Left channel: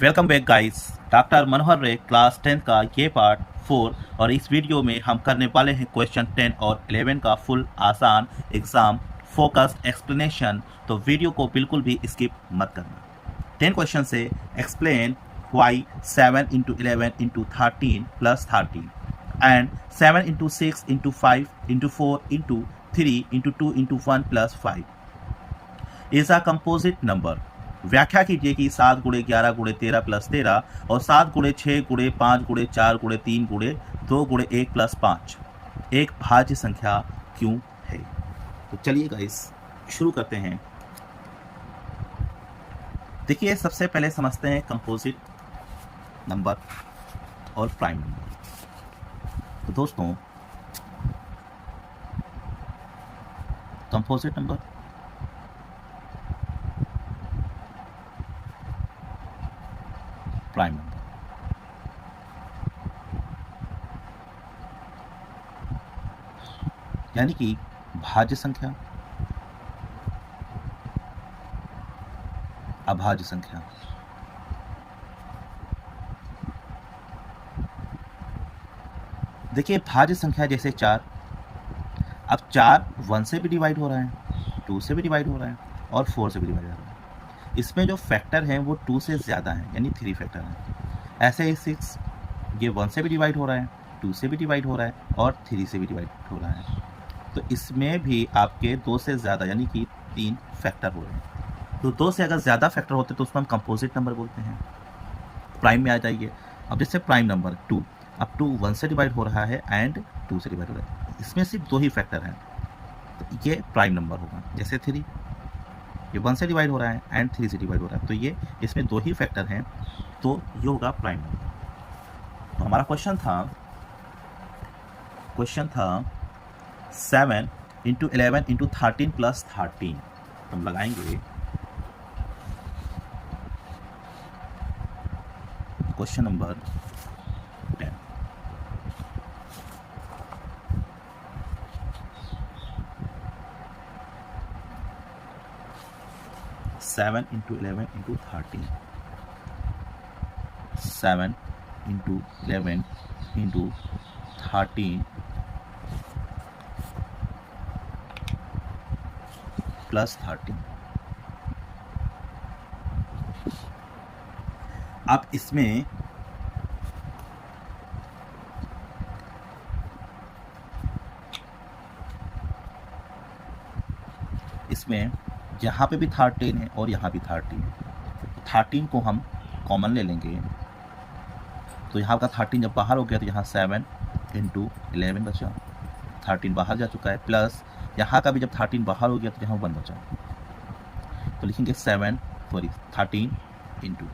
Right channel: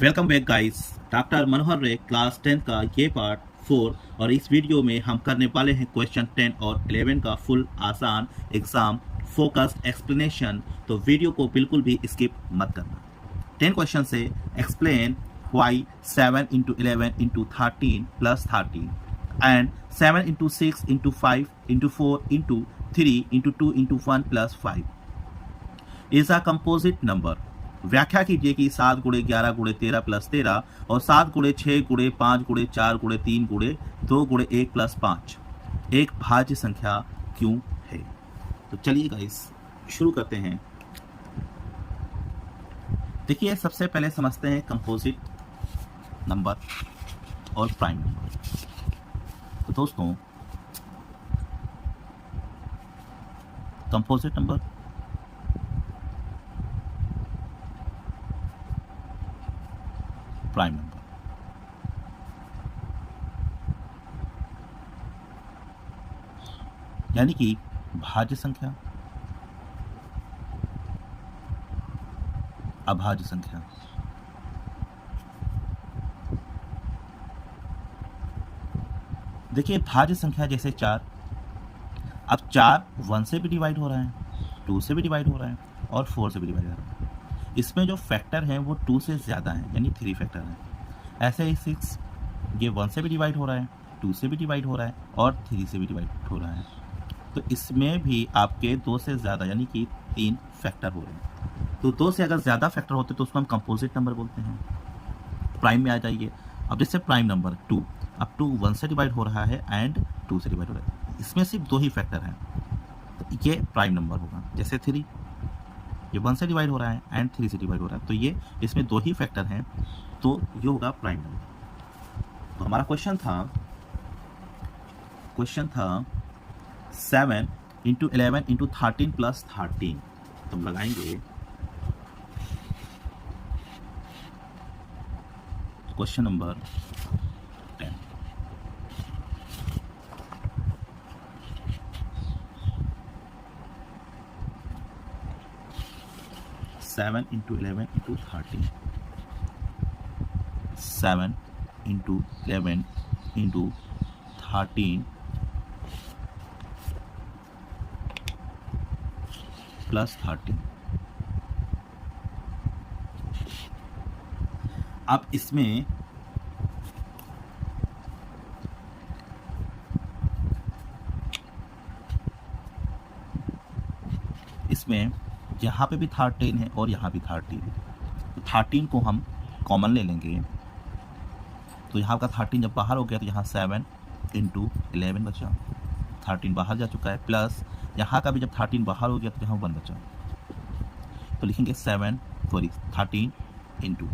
Welcome back guys. Doctor मनोहर रे class 10 का ये पार्ट 4 और इस वीडियो में हम करने वाले हैं क्वेश्चन 10 और 11 का फुल आसान एग्जाम फोकस्ड एक्सप्लेनेशन। तो वीडियो को बिल्कुल भी स्किप मत करना। 10 क्वेश्चन से explain why 7 into 11 into 13 plus 13 and 7 into 6 into 5 into 4 into 3 into 2 into 1 plus 5 is a composite number. व्याख्या कीजिए कि 7 गुणे 11 गुणे 13 प्लस 13 और 7 गुणे 6 गुणे 5 गुणे 4 गुणे 3 गुणे 2 गुणे 1 प्लस 5 एक भाज्य संख्या क्यों है। तो चलिए गाइस शुरू करते हैं। देखिए सबसे पहले समझते हैं कंपोजिट नंबर और प्राइम नंबर। तो दोस्तों कंपोजिट नंबर प्राइम नंबर यानी कि भाज्य संख्या अभाज्य संख्या। देखिए भाज्य संख्या जैसे 4, अब 4 1 से भी डिवाइड हो रहा है, 2 से भी डिवाइड हो रहा है और 4 से भी डिवाइड हो रहा है। इसमें जो फैक्टर हैं वो 2 से ज़्यादा हैं यानी 3 फैक्टर हैं। ऐसे ही 6 ये 1 से भी डिवाइड हो रहा है, 2 से भी डिवाइड हो रहा है और 3 से भी डिवाइड हो रहा है। तो इसमें भी आपके 2 से ज़्यादा यानी कि 3 फैक्टर हो रहे हैं। तो 2 से अगर ज़्यादा फैक्टर होते तो उसको हम कंपोजिट नंबर बोलते हैं। प्राइम में आ जाइए। अब जैसे प्राइम नंबर 2, अब 2 1 से डिवाइड हो रहा है एंड 2 से डिवाइड हो रहा है, इसमें सिर्फ 2 ही फैक्टर हैं तो ये प्राइम नंबर होगा। जैसे 3 ये 1 से डिवाइड हो रहा है एंड 3 से डिवाइड हो रहा है तो ये इसमें 2 ही फैक्टर हैं तो ये होगा प्राइम नंबर। तो हमारा क्वेश्चन था 7 इंटू 11 इंटू 13 प्लस 13। तो हम लगाएंगे question number 10। Seven into 11 into 13, 7 into 11 into 13 plus 13। अब इसमें यहाँ पे भी 13 है और यहाँ भी 13 है तो 13 को हम कॉमन ले लेंगे तो यहाँ का 13 जब बाहर हो गया तो यहाँ 7 इंटू 11 बचा, 13 बाहर जा चुका है, प्लस यहाँ का भी जब 13 बाहर हो गया तो यहाँ 1 बचा तो लिखेंगे 13 इंटू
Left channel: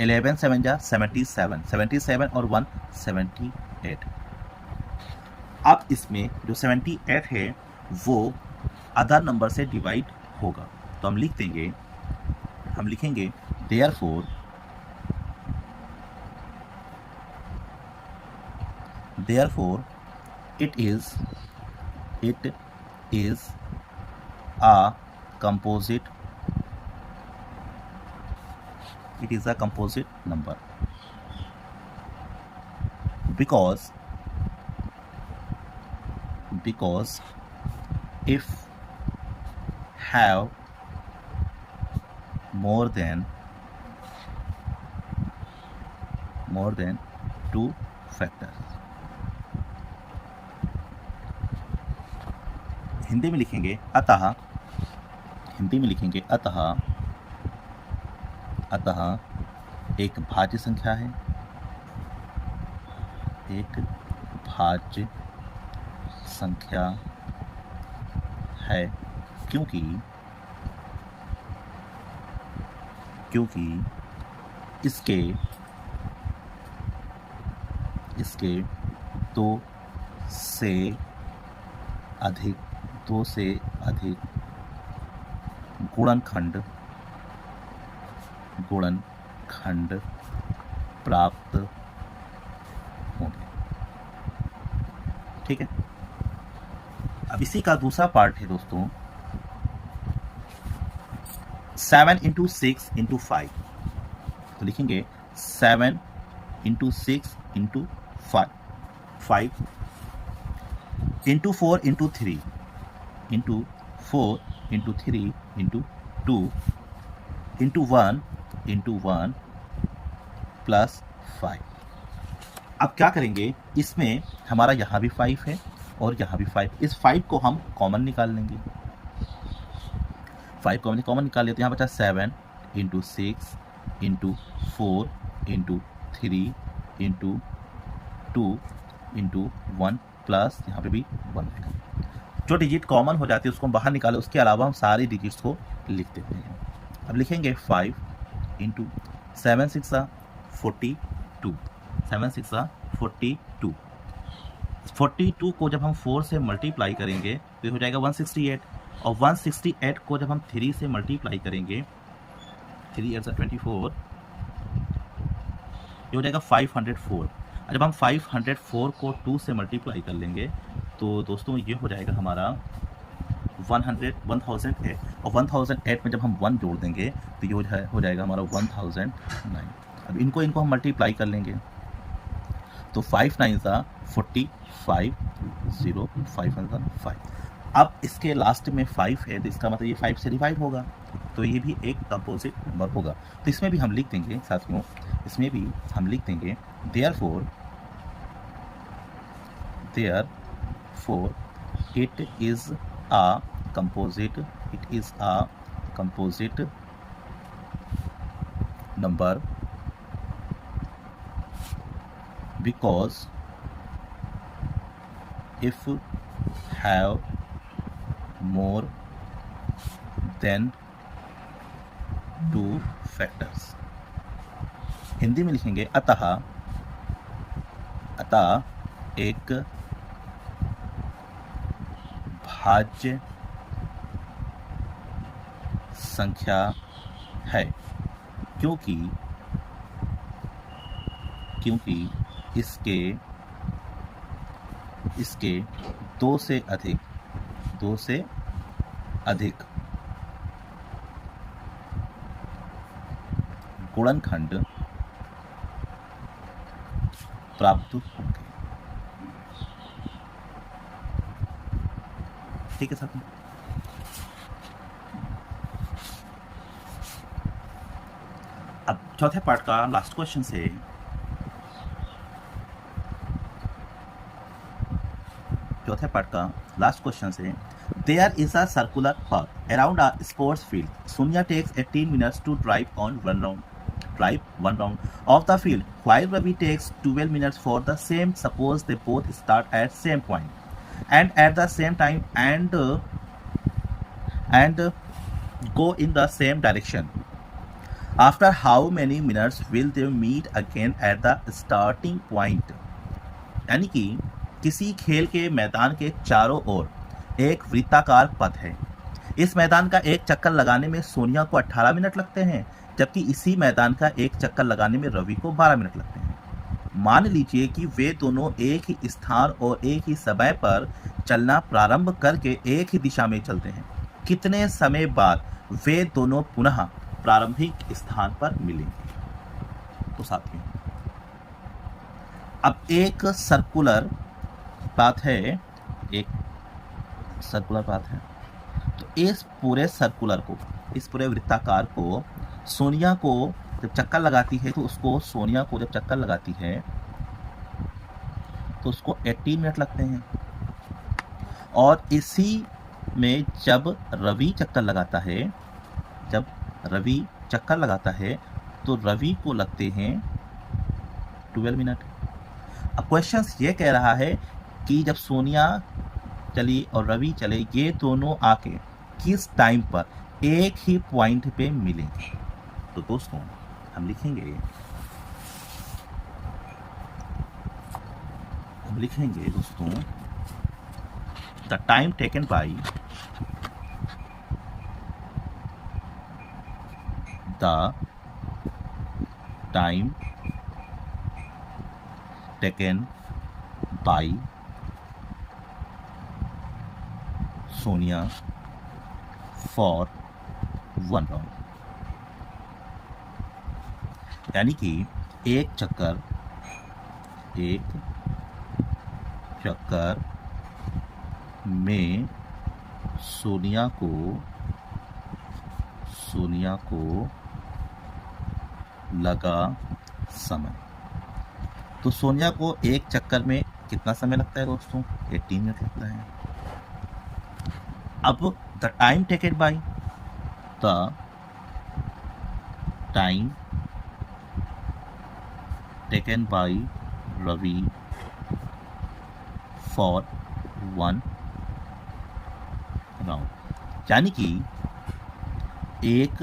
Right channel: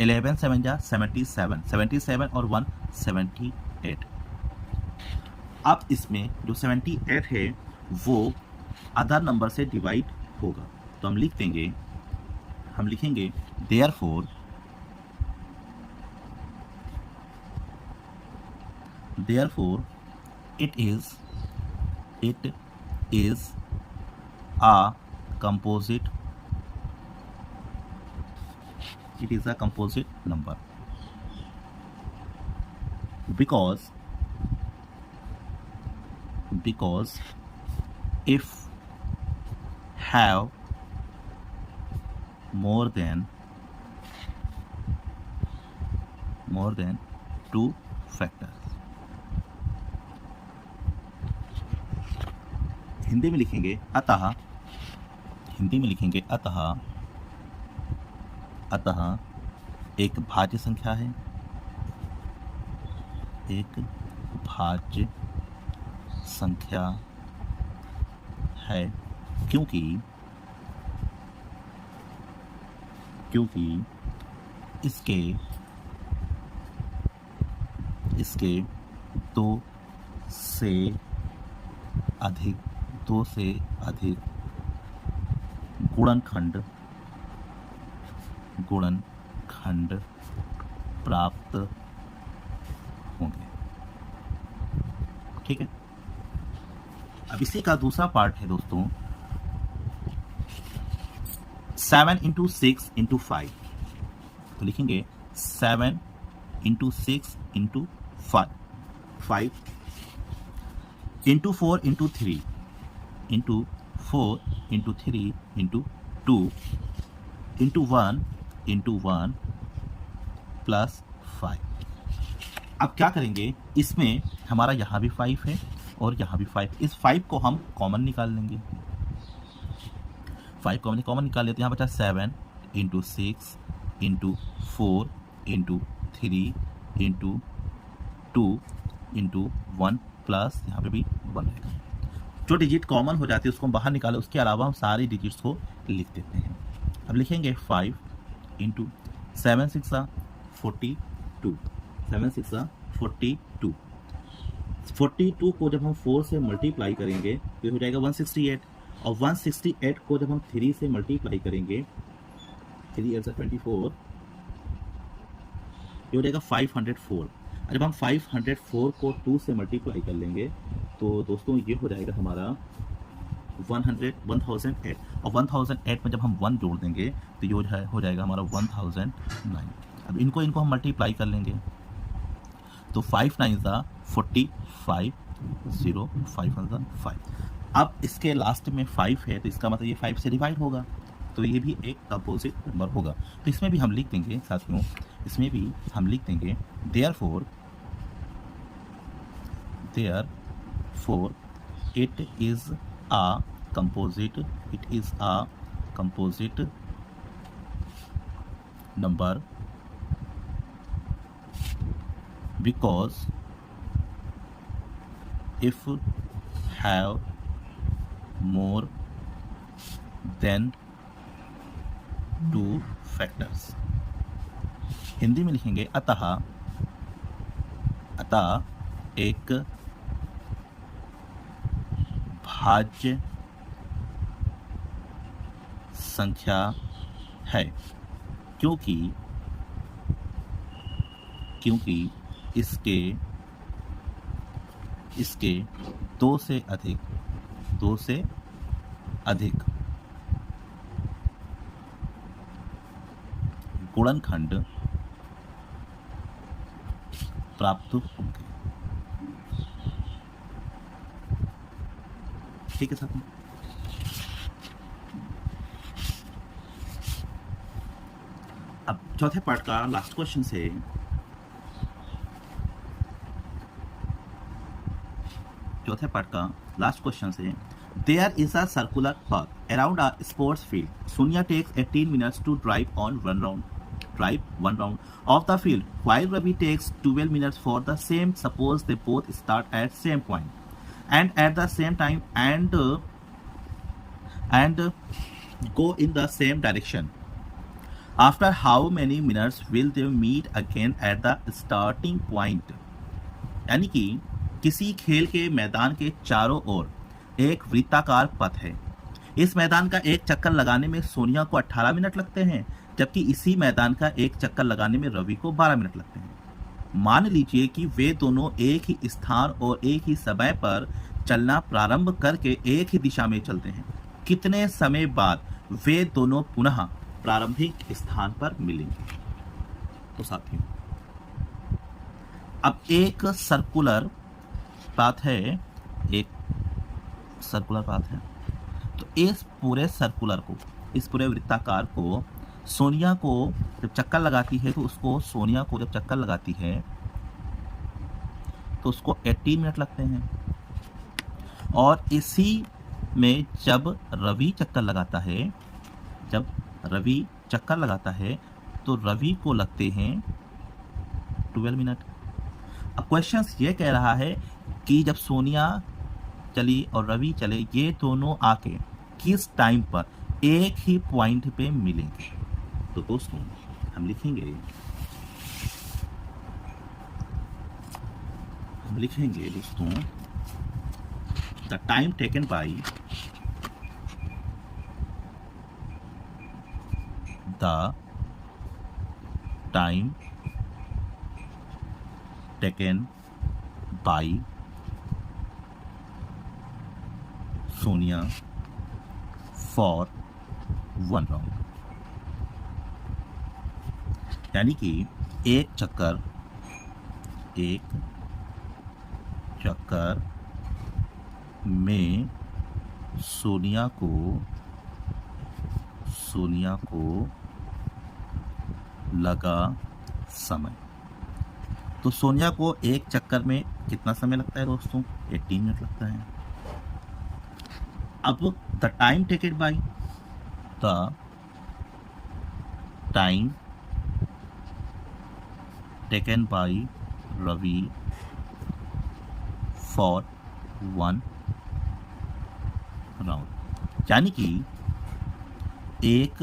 11 7 जा 77 और 1 78। अब इसमें जो 78 है वो अदर नंबर से डिवाइड होगा तो हम लिखेंगे therefore it is a composite number because if have more than 2 factors। Hindi में लिखेंगे अतः एक भाज्य संख्या है क्योंकि इसके 2 से अधिक गुणनखंड प्राप्त होंगे। ठीक है, अब इसी का दूसरा पार्ट है दोस्तों 7 इंटू 6 इंटू 5। तो लिखेंगे 7 into 6 into 5 into 4 into 3 into 4 into 3 into 2 into 1 plus 5। अब क्या करेंगे, इसमें हमारा यहाँ भी 5 है और यहाँ भी 5, इस 5 को हम कॉमन निकाल लेंगे। 5 को हमने कॉमन निकाल लेते हैं, यहाँ बचा 7 into 6 into 4 into 3 into 2 into 1 plus यहाँ पे भी 1 रहेगा। जो डिजिट कॉमन हो जाती है उसको हम बाहर निकालें, उसके अलावा हम सारी डिजिट्स को लिख देते हैं। अब लिखेंगे 5 इंटू 7 6 42, 7 6 42। 42 को जब हम 4 से मल्टीप्लाई करेंगे तो हो जाएगा 168, और 168 को जब हम 3 से मल्टीप्लाई करेंगे, 3 8 24, ये हो जाएगा 504। जब हम 504 को 2 से मल्टीप्लाई कर लेंगे तो दोस्तों ये हो जाएगा हमारा 1008, और 1008 में जब हम 1 जोड़ देंगे तो ये हो जाएगा हमारा 1009। अब इनको हम मल्टीप्लाई कर लेंगे तो 5 9 45, 0 5 5। अब इसके लास्ट में 5 है तो इसका मतलब ये 5 से डिवाइड होगा, तो ये भी एक कंपोजिट नंबर होगा। तो इसमें भी हम लिख देंगे साथियों, इसमें भी हम लिख देंगे therefore it is a composite number because if have more than 2 factors। Hindi में लिखेंगे अतः एक भाज्य संख्या है क्योंकि इसके 2 से अधिक गुणनखंड प्राप्त होंगे। ठीक है साथियों। अब चौथे पार्ट का लास्ट क्वेश्चन से there is a circular path around a sports field. Sonia takes 18 minutes to drive one round of the field, while Ravi takes 12 minutes for the same. Suppose they both start at same point and at the same time and go in the same direction. After how many minutes will they meet again at the starting point? यानी कि किसी खेल के मैदान के चारों ओर एक वृत्ताकार पथ है। इस मैदान का एक चक्कर लगाने में सोनिया को 18 मिनट लगते हैं, जबकि इसी मैदान का एक चक्कर लगाने में रवि को 12 मिनट लगते हैं। मान लीजिए कि वे दोनों एक ही स्थान और एक ही समय पर चलना प्रारंभ करके एक ही दिशा में चलते हैं। कितने समय बाद वे दोनों पुनः प्रारंभिक स्थान पर मिलेंगे? तो साथियों, अब एक सर्कुलर पाथ है, तो इस पूरे वृत्ताकार को सोनिया को जब चक्कर लगाती है तो उसको 18 मिनट लगते हैं, और इसी में जब रवि चक्कर लगाता है तो रवि को लगते हैं 12 मिनट। अब क्वेश्चन ये कह रहा है कि जब सोनिया चली और रवि चले, ये दोनों आके किस टाइम पर एक ही पॉइंट पे मिलेंगे? तो दोस्तों हम लिखेंगे दोस्तों the time taken by Sonia for 1 round. यानी कि एक चक्कर में सोनिया को लगा समय। तो सोनिया को एक चक्कर में कितना समय लगता है दोस्तों? 18 मिनट लगता है। अब the time taken by Ravi for 1 round, यानी कि एक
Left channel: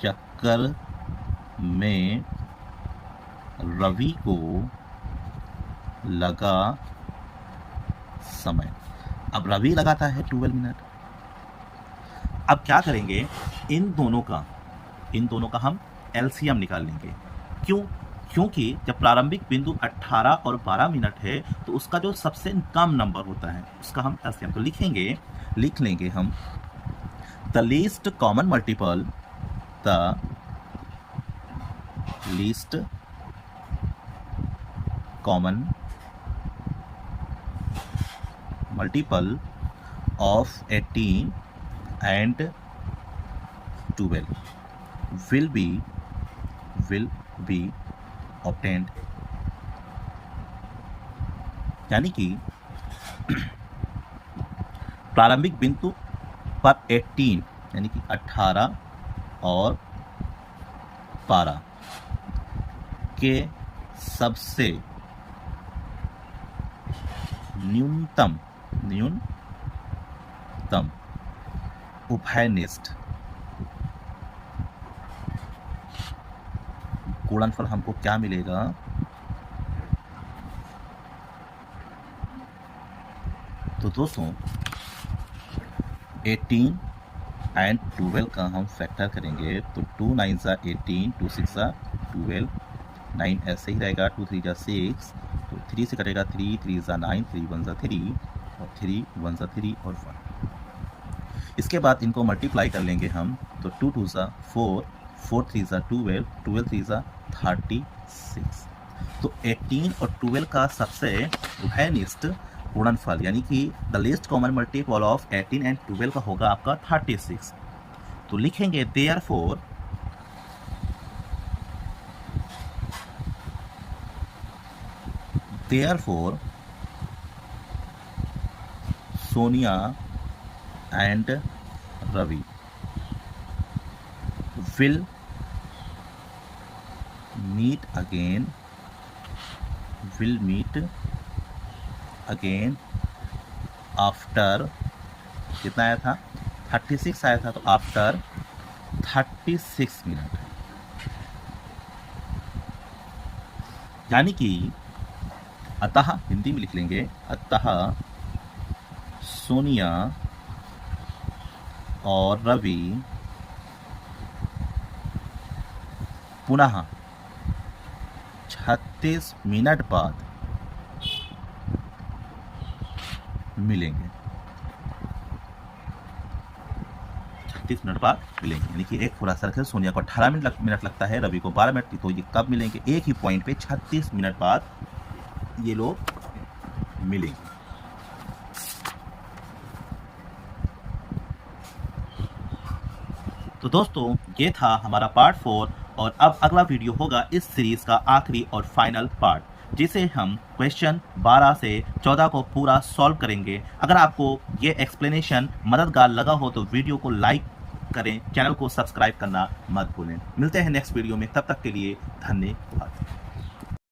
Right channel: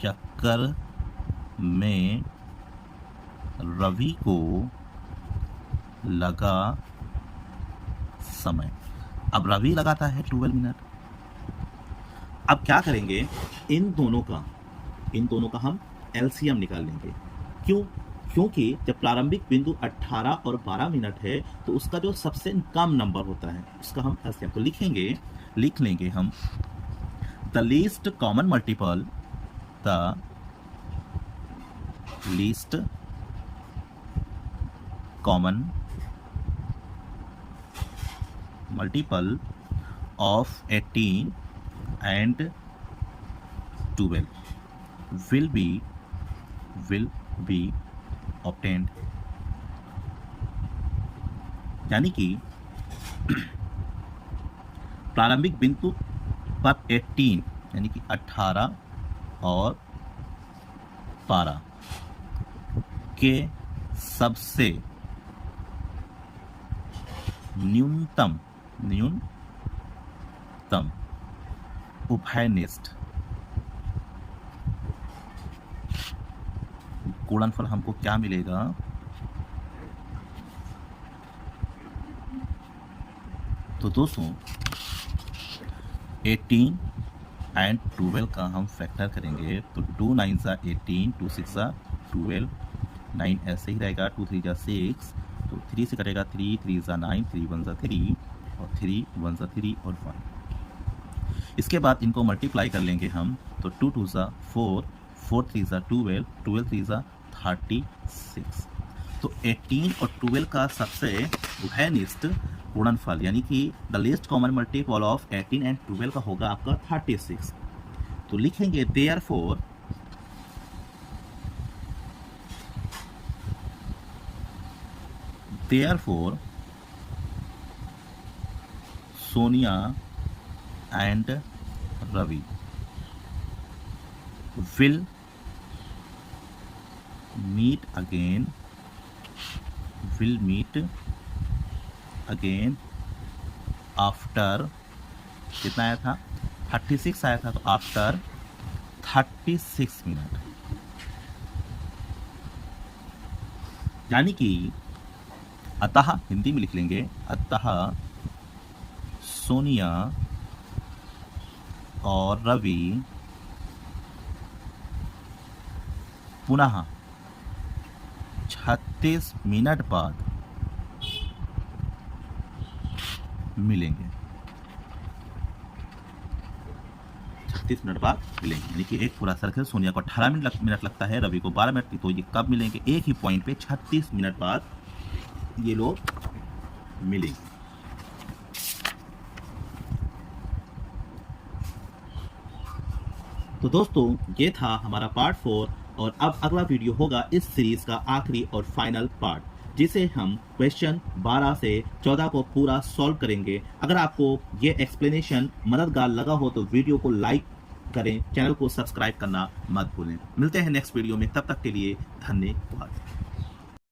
चक्कर में रवि को लगा समय। अब रवि लगाता है 12 मिनट। अब क्या करेंगे, इन दोनों का हम एलसीएम निकाल लेंगे। क्योंकि जब प्रारंभिक बिंदु 18 और 12 मिनट है तो उसका जो सबसे कम नंबर होता है उसका हम एलसीएम तो लिख लेंगे हम the least common multiple of 18 and 12 will be obtained, यानी कि प्रारंभिक बिंदु पर 18 यानी कि 18 और 12 के सबसे न्यूनतम उभयनिष्ठ गुणनफल हमको क्या मिलेगा? तो दोस्तों 18 एंड 12 का हम फैक्टर करेंगे तो 2 9 सा 18, 2 6 सा 12, 9 ऐसे ही रहेगा, 2 3 जा 6, तो 3 से कटेगा 3, 3 सा 9, 3 1 सा 3 और 3 1 सा 3 और 1। इसके बाद इनको मल्टीप्लाई कर लेंगे हम तो 2 2 सा 4, 4 3 सा 12, 12 3 सा 36। तो 18 और 12 का सबसे उभयनिष्ठ गुणनफल यानी कि the least common multiple of 18 and 12 का होगा आपका 36। तो लिखेंगे therefore Sonia and Ravi will meet again after कितना आया था? 36 आया था, तो आफ्टर 36 मिनट, यानी कि अतः हिंदी में लिख लेंगे अतः सोनिया और रवि पुनः 36 मिनट बाद मिलेंगे। 36 मिनट बाद मिलेंगे, यानी कि एक पूरा सर्कल सोनिया को 18 मिनट लगता है, रवि को 12 मिनट, तो ये कब मिलेंगे? एक ही पॉइंट पे 36 मिनट बाद ये लोग मिलेंगे। तो दोस्तों ये था हमारा पार्ट 4 और अब अगला वीडियो होगा इस सीरीज का आखिरी और फाइनल पार्ट, जिसे हम क्वेश्चन 12 से 14 को पूरा सॉल्व करेंगे। अगर आपको ये एक्सप्लेनेशन मददगार लगा हो तो वीडियो को लाइक करें, चैनल को सब्सक्राइब करना मत भूलें। मिलते हैं नेक्स्ट वीडियो में, तब तक के लिए धन्यवाद।